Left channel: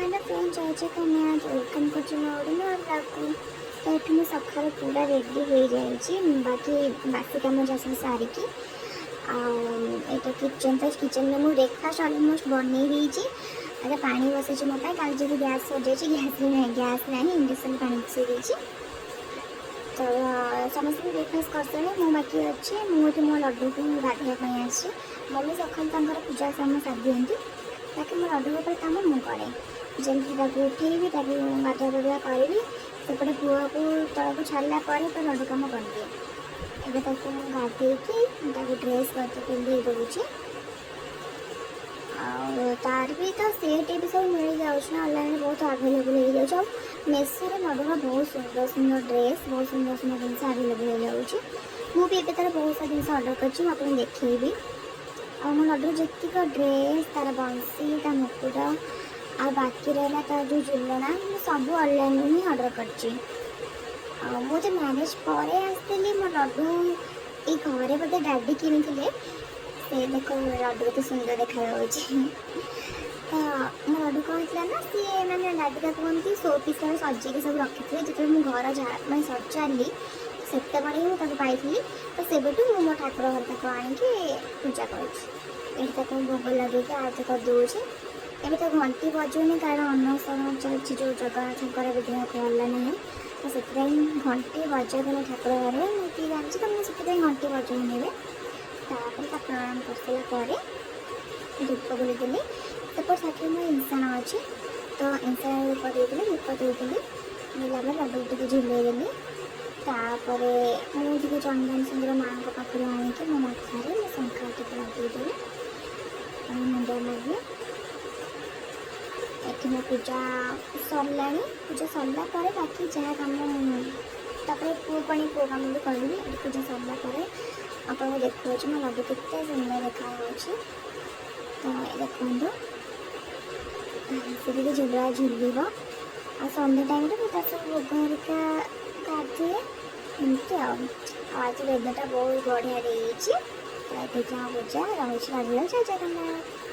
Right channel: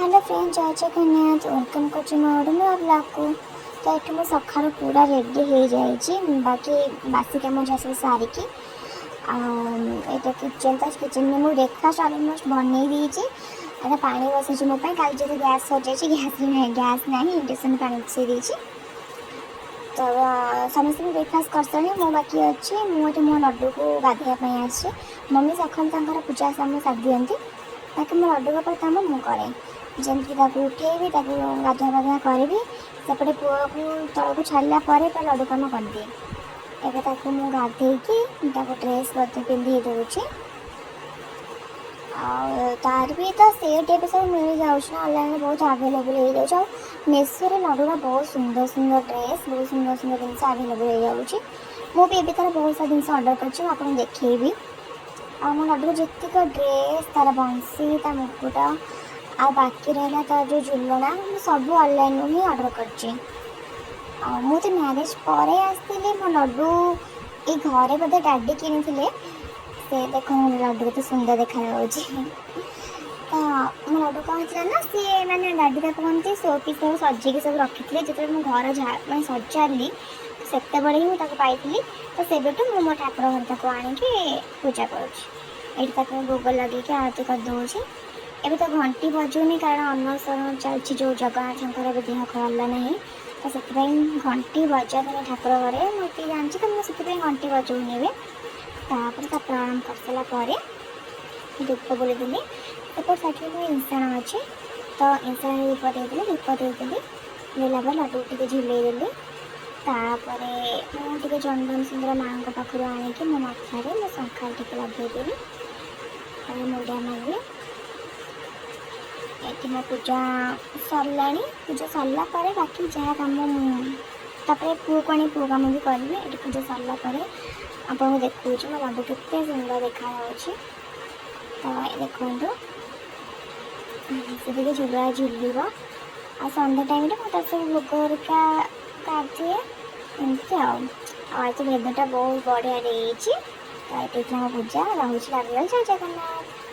Hello friend, जय Jagannath. Welcome कर नुआ ब्लॉग को। तो ये मुझे सका पूरा रेडी हो जाए, बाकी बासी कम जहाँ सब सारिकी यहाँ किचन। तो किचन में मुझे ब्रेकफास्ट अलमोस्ट बनई देती। अरे पानी बसई मो कल जो गैस सर जाए, गैस ना इंडक्शन पानी बसई देती। तो समस्त ब्रेकफास्ट कर मु बाकी अच्छी मुझे मो लड्डू को गाधेवाई आसी। मम्मी सका पूजा साम सारी दिखती, बाकी मो लड्डू का काम मुझे जमी उठेबी गाधुआ पाधुआ करी सेपटे पुआ को तौक छाड़ा लड्डू कम करदे। एवं मुझे गाधे ड्रेस करते पिंधे दूसरी। तार भी तो सेट भी सब मिल जाऊँ ऑनलाइन बहुत अवेलेबल हो जाए। मेसो लड्डू बहुत सुंदर सुंदर ड्रेस, बहुत सुंदर सुंदर जिन अवेलेबल हो जाऊँगी। मुझे भी तार बहुत सारा जिन ऑर्डर कर देखी। मो लड्डू जीक ड्रेस तार बंसी ता मुकुट आ बाकी रहा तार जो झुलना सब ऑनलाइन ही ऑर्डर कर। मुझे मैरिज पर आसती मो लड्डू ये घरे बोधे डैडी किनी से देखो लड्डू तो सुंदर देखा। तो मो लड्डू कौन ना सी मैंने डैडी का कहते शो पीस सजेक सब रखी थे जो मुझे घर मैं सजारी से बड़े ही पाई। तो से मो ठाकुर घर आनिकी पूजा कर भोग लगे आरती कर दूसरी। एवं तो घंटी बजुनी कारण अन्नसरण चलती जो जगन्नाथ देह भल ना, तो से घंटी बजा देने ठाकुर घरे मुझे जानची। तो मुझे घंटी बजाऊनी तापर प्रणाम कर सारापर धूप बोली सेपट साइड में इंसाण अच्छे। तो इंसाण धूप देती धूप देती देला लड्डू टे झुलेदेली। तापर मुझे चंदन सुंदर माँ को पाखु आणिकी मो मथारे मो शंखा टी लगेदेली मुंडिया मांगे। ये पूजा सरला पूजा सरला बाकी जहाँ कम पुओ को पुओ कम भी करी। ये पूजा सरला आपको देखा मो लड्डू के सुंदर देखा। तो देखो से झुला झुल आ सन्डे टाइम मुझे सब भोग हरिका कर दिए एमती आज तो वेदरटा बहुत बढ़िया। तो ये पूजा रोज लगे जय जगन्नाथ।